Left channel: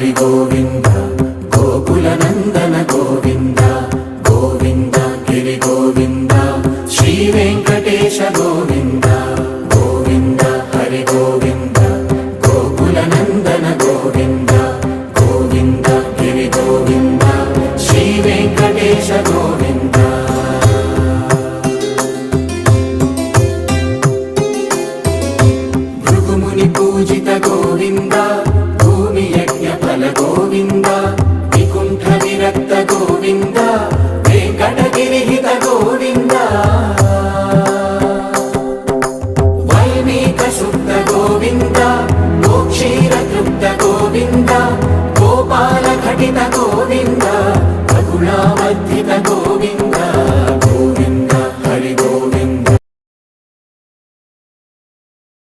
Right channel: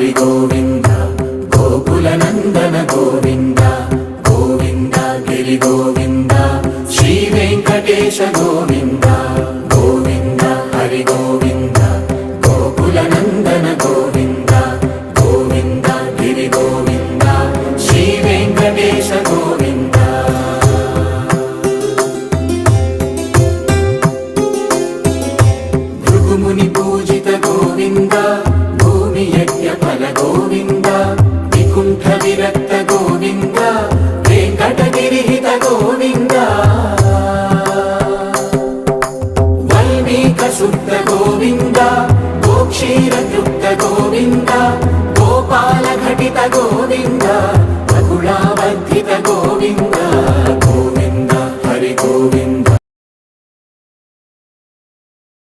హరి గోవింద గోకుల నందన గోవింద గోవింద గిరి గోవింద శ్రీ వెంకటేశ గోవింద గోవింద హరి గోవింద గోకుల నందన గోవింద గోవింద గిరి గోవింద శ్రీ వెంకటేశ గోవింద భృగుముని పూజిత గోవింద భూమి యజ్ఞ ఫల గోవింద వికుంఠ విరక్త గోవింద వెంకటగిరిహిత గోవింద వైదిక శుద్ధ గోవింద గోక్షీర తృప్త గోవింద గోపాల ఘటిత గోవింద